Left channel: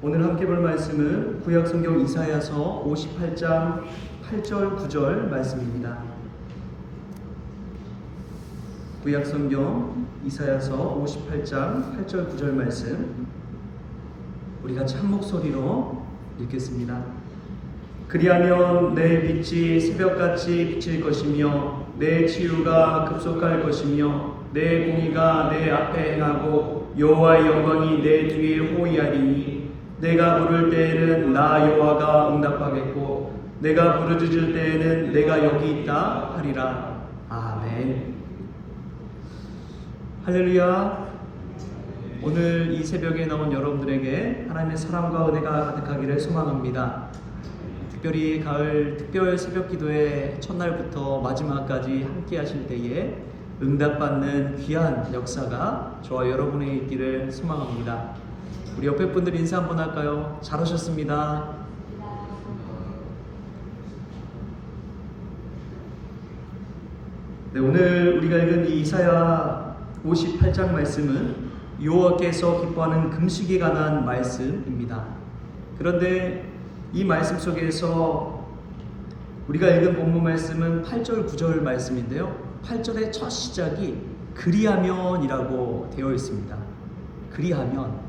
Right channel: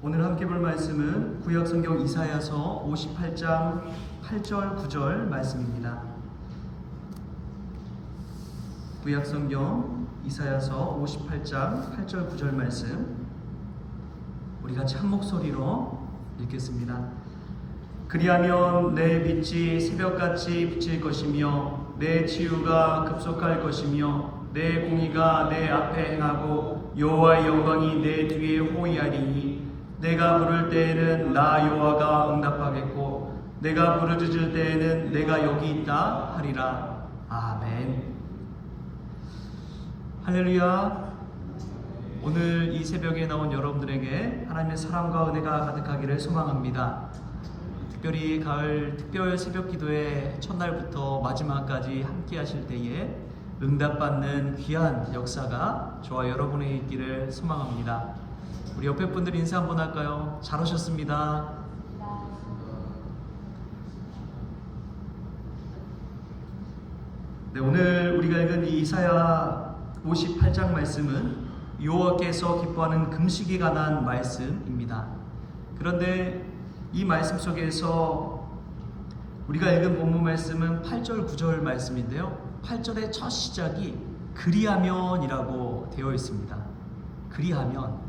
오늘 함께 볼 말씀은 구약성경 이사야서 58장 8절 9절 말씀입니다. 구약성경 이사야서 58장 8절 9절 말씀 우리가 참 목소리로 읽겠습니다. 그리하면 내 빛이 새벽같이 비칠 것이며 내 치유가 급속할 것이며 내 공의가 내 앞에 행하고 여호와의 영광이 내 뒤에 호위하리니 내가 부를 때에는 나 여호와가 응답하겠고 내가 부르짖을 때에는 내가 여기 있다 하리라. 아멘. 할렐루야. 오늘 이 새벽에 나온 여러분들에게 하나님의 사랑과 은혜가 가득하기를 소망합니다. 특별히 가을 특별 새벽 기도의 첫날부터 마지막까지 함께 하실 때에 응답받는 귀한 역사가 저와 여러분에 있기를 소망합니다. 우리 옆에 분들 인사 한번 할까요? 잘 오셨습니다. 네, 오늘 우리가 읽은 이 이사야 58장 말씀은 여호와께서 기뻐하는 금식에 관한 말씀입니다. 그런데 이 말씀 속에서 우리가 읽은 본문 말씀은 8절 9절 말씀인데요, 8절의 첫 시작이 그리하면이라고 되어 있습니다. 그리하면,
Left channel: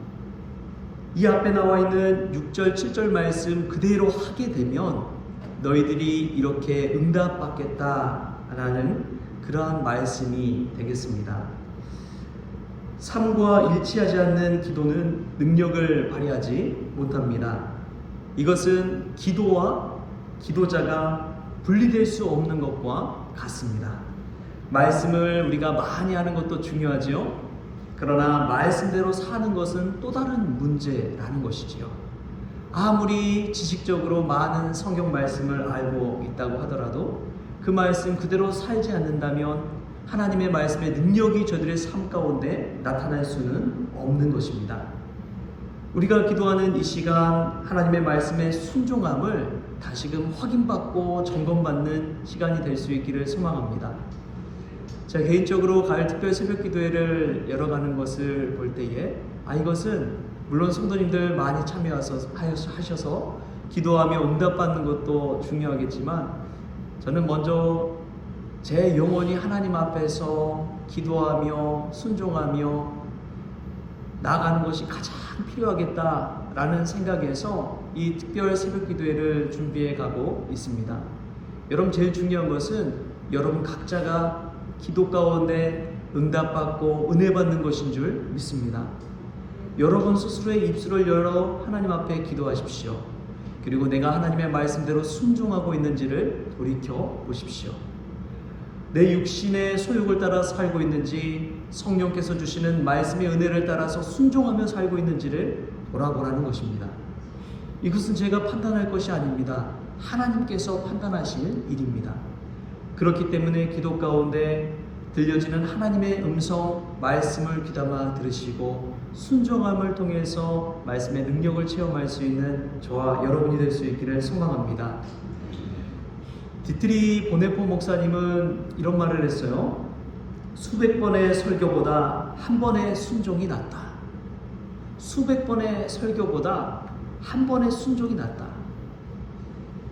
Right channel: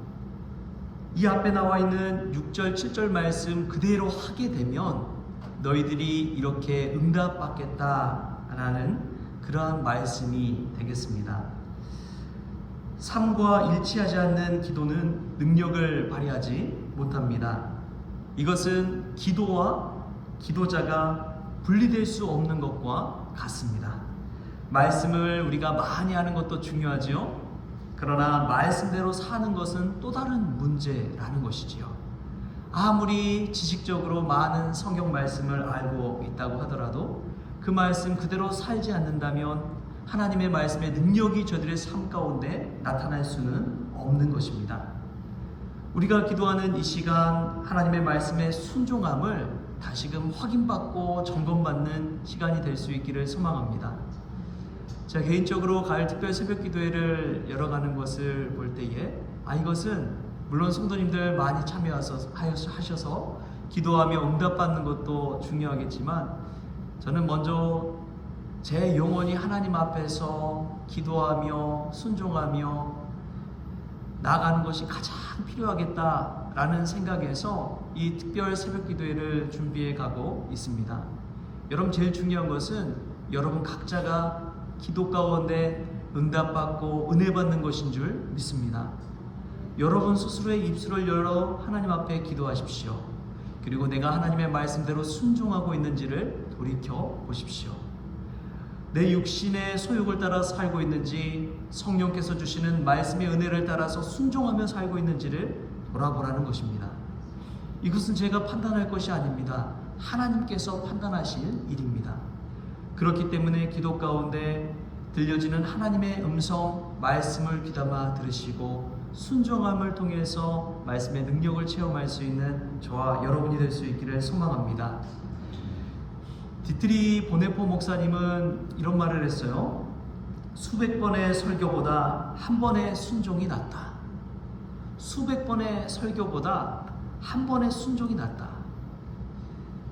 이 앞에 나와 있는 6절 7절 말씀 그대로 하게 되면 너희들이 이렇게 응답받겠다라는 그러한 말씀이 되겠습니다. 삶과 일치하지 않는 기도는 능력을 발휘하지 못합니다. 이것은 기도와 기도자가 분리될 수 없는 것과 같습니다. 말씀을 우리가 많이 하는 것도 중요하지요. 그러나 말씀대로 사는 것은 또 다른 문제라는 것이지요. 아무리 지식적으로 많은 성경 말씀을 알고 있다고 하더라도 그 말씀 그대로 살지 않는다면 하나님의 말씀의 능력이 저들의 삶 가운데 나타날 수는 없는 것입니다. 우리가 기도하는 이 시간, 하나님의 말씀의 순종함을 다시금 확인받고 점검받는 시간이 될 수 있기를 소망합니다. 제가 개인적으로 가을 특별 새벽 기도회를 열어가는 것을 볼 때에 이것은 물론 성도님들 많이 참여하셔서 기도하며 응답받는 것도 중요하겠지만 저는 먼저 제 영혼이 하나님 앞에서 기도하며 순종하며 나아가는 것이 가장 필요하겠다라는 생각에서 이 특별 새벽 기도회를 준비해 가고 있습니다. 여러분, 제일 중요한 것은 여러분 각자가 기도 가운데 응답받고 은혜 받는 것인 줄 믿습니다. 여러분 스스로의 입술을 열어 하나님 앞에 기도하십시오. 그리고 내가 하나님의 말씀대로 순종하고 있는지를 돌이켜 보십시오. 내 육신의 소욕을 따라 살고 있는지, 성령께서 주시는 말씀의 은혜를 따라서 순종하며 살고 있는지를 돌아보라는 것입니다. 이것은 제가 판단할 것이 아닙니다. 하나님께서 판단하실 일입니다. 그렇기 때문에 기도 가운데 들려지는 하나님의 음성, 말씀을 귀담아 들으시고 순종함을 통해서 말씀의 능력을 체험할 수 있는 저와 여러분이 될 수 있기를 소망합니다. 디트리 보네포 목사님은 이런 말을 했어요. 수백 번의 설교보다 한 번의 순종이 낫다. 수백 번의 설교보다 한 번의 순종이 낫다.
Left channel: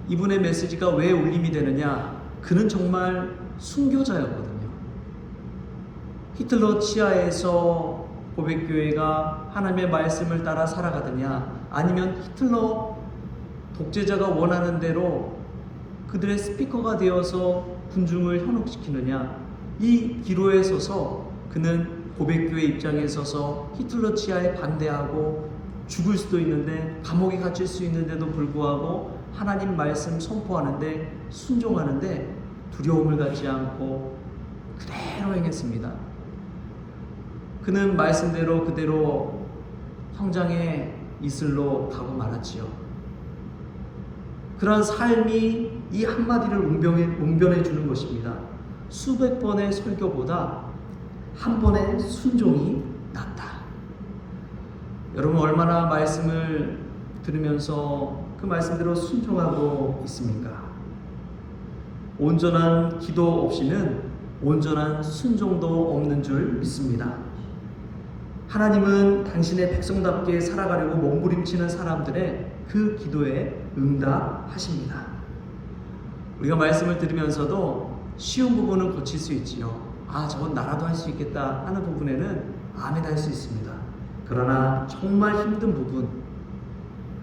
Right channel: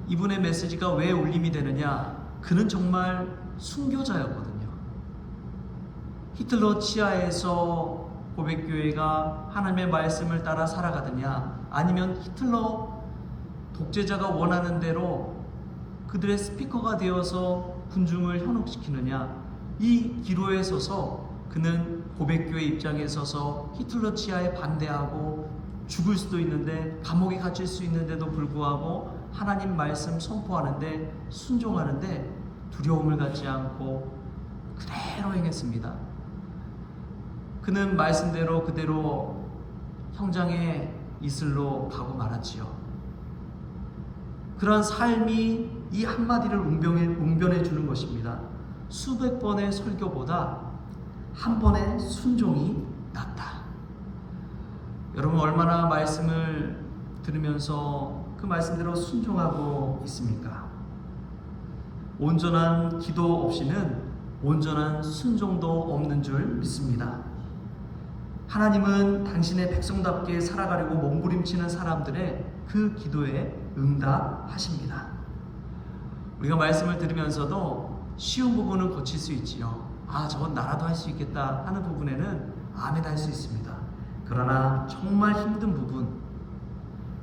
이분의 메시지가 왜 울림이 되느냐? 그는 정말 순교자였거든요. 히틀러 치하에서 고백교회가 하나님의 말씀을 따라 살아가느냐, 아니면 히틀러 독재자가 원하는 대로 그들의 스피커가 되어서 군중을 현혹시키느냐, 이 기로에 서서 그는 고백교회 입장에 서서 히틀러 치하에 반대하고 죽을 수도 있는데, 감옥에 갇힐 수 있는데도 불구하고 하나님 말씀 선포하는데 순종하는데 두려움을 갖지 않고 그대로 행했습니다. 그는 말씀대로 그대로 형장의 이슬로 가고 말았지요. 그러한 삶이 이 한마디를 웅변해 주는 것입니다. 수백 번의 설교보다 한 번의 순종이 낫다. 여러분, 얼마나 말씀을 들으면서 그 말씀대로 순종하고 있습니까? 온전한 기도 없이는 온전한 순종도 없는 줄 믿습니다. 하나님은 당신의 백성답게 살아가려고 몸부림치는 사람들의 그 기도에 응답하십니다. 우리가 말씀을 들으면서도 쉬운 부분은 고칠 수 있지요. 저건 나라도 할 수 있겠다 하는 부분에는 아멘 할 수 있습니다. 그러나 정말 힘든 부분,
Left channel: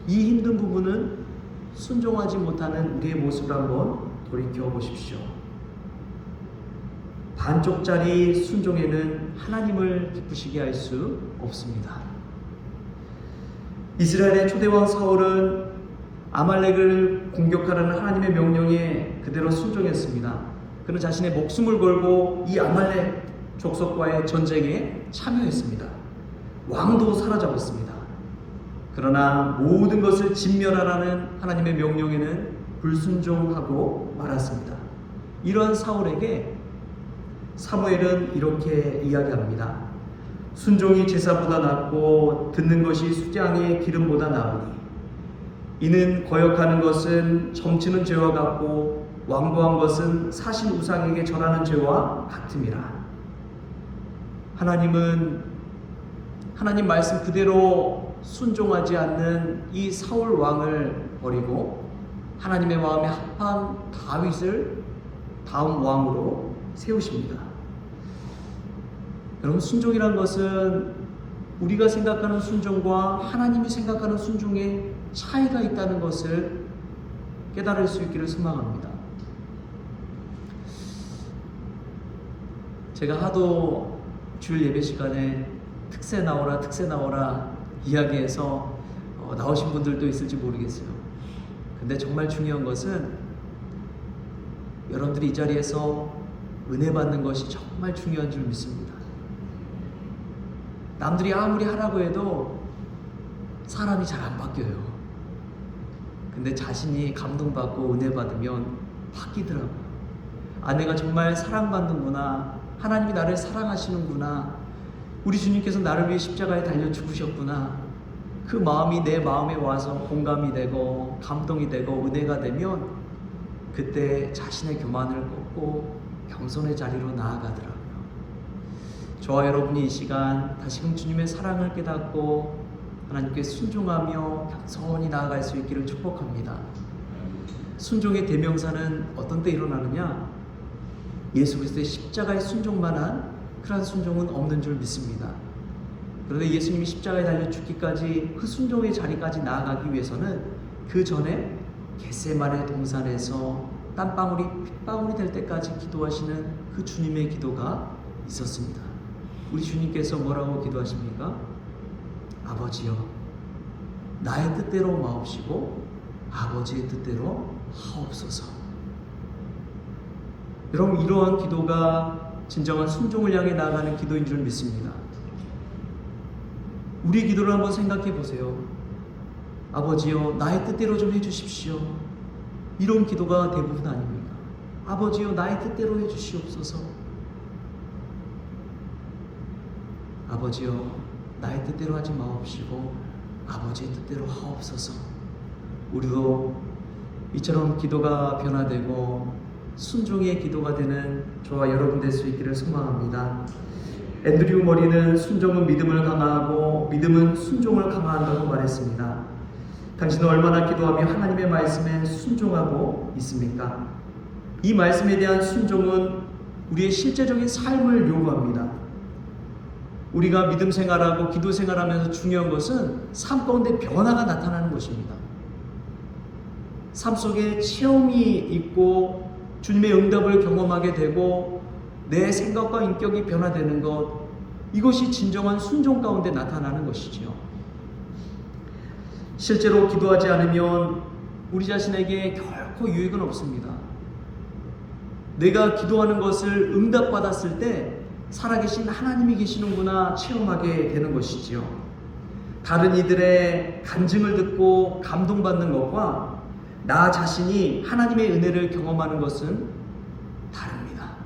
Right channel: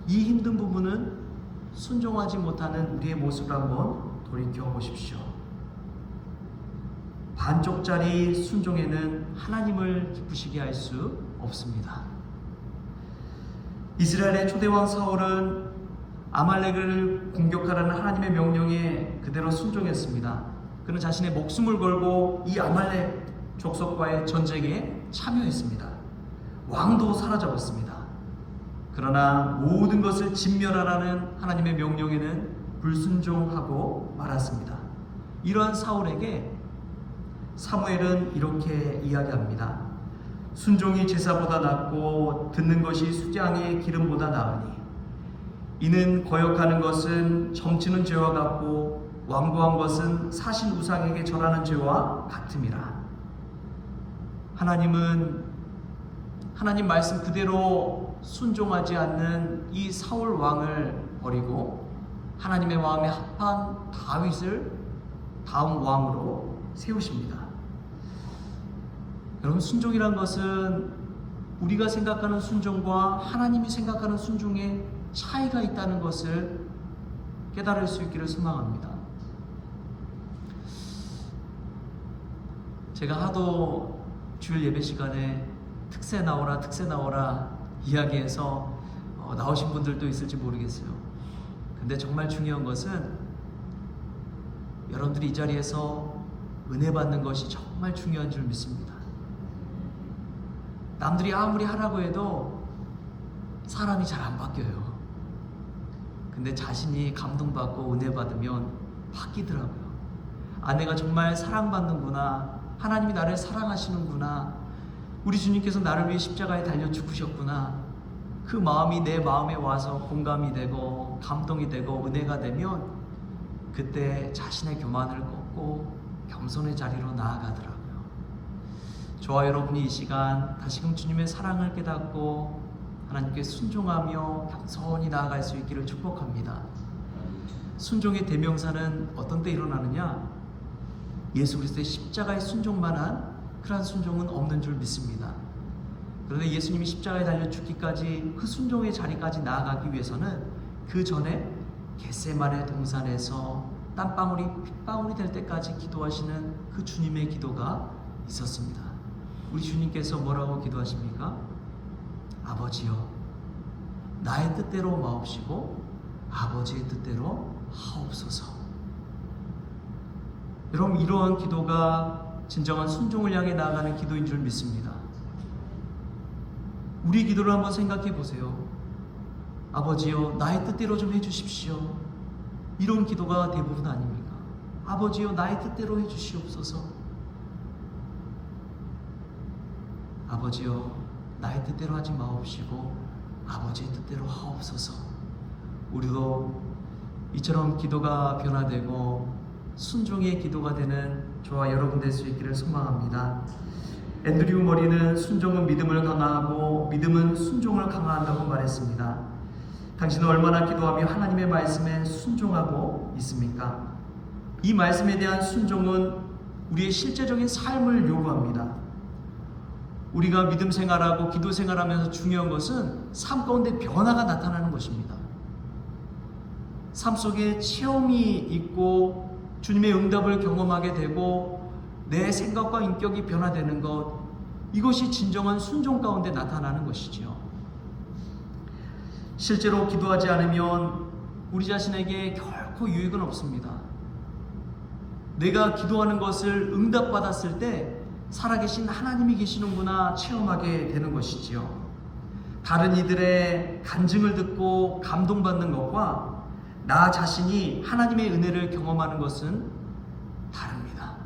이 힘든 부분은 순종하지 못하는 우리의 모습을 한번 돌이켜 보십시오. 반쪽짜리 순종에는 하나님을 기쁘시게 할 수 없습니다. 이스라엘의 초대왕 사울은 아말렉을 공격하라는 하나님의 명령에 그대로 순종했습니다. 그는 자신의 목숨을 걸고 이 아말렉 족속과의 전쟁에 참여했습니다. 왕도 사로잡았습니다. 그러나 모든 것을 진멸하라는 하나님의 명령에는 불순종하고 말았습니다. 이러한 사울에게 사무엘은 이렇게 이야기합니다. 순종이 제사보다 낫고 듣는 것이 수장의 기름보다 나으니 이는 거역하는 것은 점치는 죄와 같고 완고한 것은 사신 우상에게 절하는 죄와 같음이라. 하나님은 하나님 말씀 그대로 순종하지 않는 이 사울 왕을 버리고 하나님의 마음에 합한 다윗을 다음 왕으로 세우십니다. 여러분, 순종이란 것은 우리가 생각하는 순종과 하나님이 생각하는 순종에 차이가 있다는 것을 깨달을 수 있기를 소망합니다. 제가 하도 주일 예배 시간에 특세 나오라 이야기해서 나오신 분들도 있을지 모르겠어요. 근데 정말 중요한 것은 여러분들이 이 자리에서 은혜 받는 것이 정말 중요한 줄 믿습니다. 남들이 아무리 하라고 해도 사람이 잘 안 바뀌어요. 근데 자신이 감동받고 은혜 받으면 바뀌더라고요. 내가 정말 사랑받는구나. 하나님이 나를 사랑하시는구나. 우리 주님께서 나를 위해 십자가에 달려 죽으셨구나. 그 마음이 내 마음에 와서 공감이 되고 감동이 되고 은혜가 되면 그때 자신의 교만을 꺾고 겸손의 자리로 나아가더라고요. 저와 여러분이 이 시간 다시금 주님의 사랑을 깨닫고 하나님께 순종하며 겸손히 나아갈 수 있기를 축복합니다. 순종의 대명사는 어떤 때 일어나느냐? 예수 그리스도의 십자가의 순종만한 그러한 순종은 없는 줄 믿습니다. 그런데 예수님이 십자가에 달려 죽기까지 그 순종의 자리까지 나아가기 위해서는 그 전에 겟세마네 동산에서 땀방울이 핏방울이 될 때까지 기도하시는 그 주님의 기도가 있었습니다. 우리 주님께서 뭐라고 기도하십니까? 아버지여, 나의 뜻대로 마옵시고 아버지의 뜻대로 하옵소서. 여러분, 이러한 기도가 진정한 순종을 향해 나아가는 기도인 줄 믿습니다. 우리 기도를 한번 생각해 보세요. 아버지여, 나의 뜻대로 좀 해주십시오. 이런 기도가 대부분 아닙니까? 아버지여, 나의 뜻대로 해주시옵소서. 아버지여, 나의 뜻대로 하지 마옵시고 아버지의 뜻대로 하옵소서. 우리도 이처럼 기도가 변화되고 순종의 기도가 되는 저와 여러분 될 수 있기를 소망합니다. 앤드류 머리는 순종은 믿음을 강화하고 믿음은 순종을 강화한다고 말했습니다. 당신은 얼마나 기도하며 하나님의 말씀에 순종하고 있습니까? 이 말씀에 대한 순종은 우리의 실제적인 삶을 요구합니다. 우리가 믿음 생활하고 기도 생활하면서 중요한 것은 삶 가운데 변화가 나타나는 것입니다. 삶 속에 체험이 있고 주님의 응답을 경험하게 되고 내 생각과 인격이 변화되는 것, 이것이 진정한 순종 가운데 나타나는 것이죠. 실제로 기도하지 않으면 우리 자신에게 결코 유익은 없습니다. 내가 기도하는 것을 응답받았을 때 살아계신 하나님이 계시는구나 체험하게 되는 것이지요. 다른 이들의 간증을 듣고 감동받는 것과 나 자신이 하나님의 은혜를 경험하는 것은 다릅니다.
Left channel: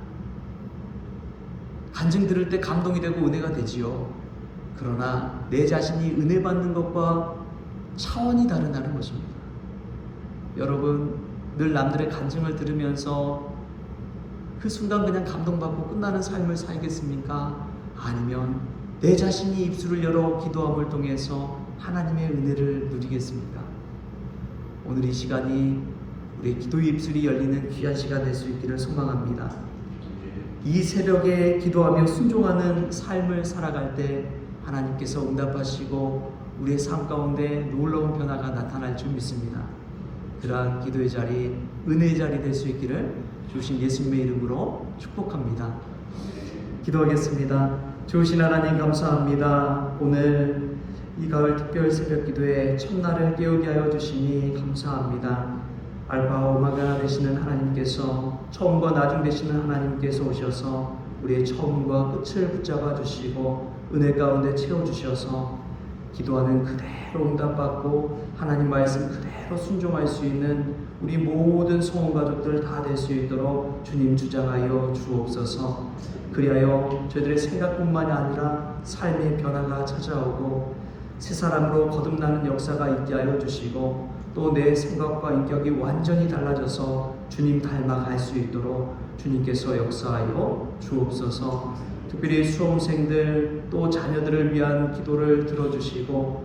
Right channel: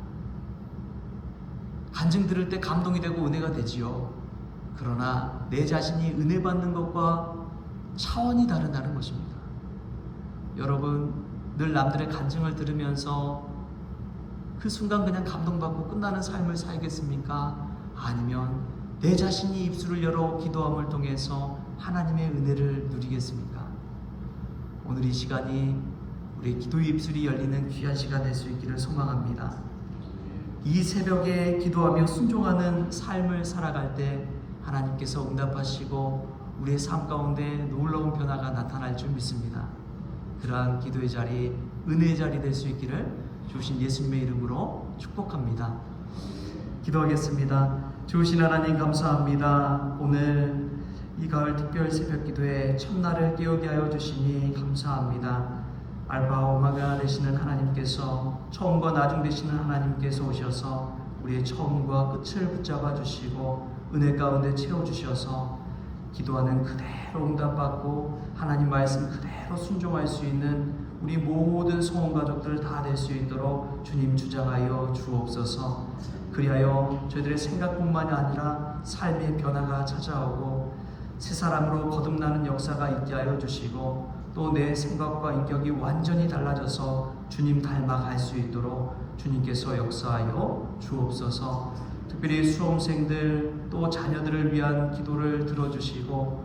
간증 들을 때 감동이 되고 은혜가 되지요. 그러나 내 자신이 은혜 받는 것과 차원이 다르다는 것입니다. 여러분, 늘 남들의 간증을 들으면서 그 순간 그냥 감동받고 끝나는 삶을 살겠습니까? 아니면 내 자신이 입술을 열어 기도함을 통해서 하나님의 은혜를 누리겠습니까? 오늘 이 시간이 우리의 기도의 입술이 열리는 귀한 시간 될 수 있기를 소망합니다. 이 새벽에 기도하며 순종하는 삶을 살아갈 때 하나님께서 응답하시고 우리의 삶 가운데 놀라운 변화가 나타날 줄 믿습니다. 그러한 기도의 자리, 은혜의 자리 될 수 있기를 주신 예수님의 이름으로 축복합니다. 기도하겠습니다. 주신 하나님 감사합니다. 오늘 이 가을 특별 새벽 기도에 첫날을 깨우게 하여 주시니 감사합니다. 알파와 오메가 되시는 하나님께서, 처음과 나중 되시는 하나님께서 오셔서 우리의 처음과 끝을 붙잡아 주시고 은혜 가운데 채워주셔서 기도하는 그대로 응답받고 하나님 말씀 그대로 순종할 수 있는 우리 모든 성원 가족들 다 될 수 있도록 주님 주장하여 주옵소서. 그리하여 저희들의 생각뿐만이 아니라 삶의 변화가 찾아오고 새 사람으로 거듭나는 역사가 있게 하여 주시고 또 내 생각과 인격이 완전히 달라져서 주님 닮아갈 수 있도록 주님께서 역사하여 주옵소서. 특별히 수험생들 또 자녀들을 위한 기도를 들어주시고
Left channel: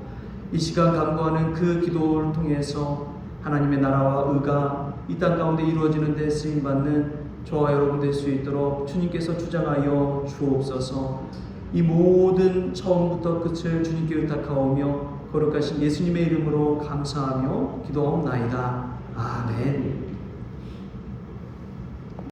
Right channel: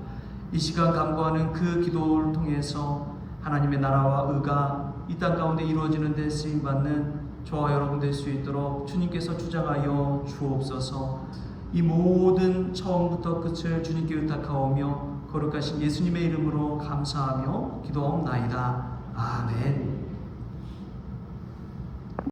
이 시간 간구하는 그 기도를 통해서 하나님의 나라와 의가 이 땅 가운데 이루어지는 데 쓰임받는 저와 여러분 될 수 있도록 주님께서 주장하여 주옵소서. 이 모든 처음부터 끝을 주님께 의탁하오며 거룩하신 예수님의 이름으로 감사하며 기도하옵나이다. 아멘.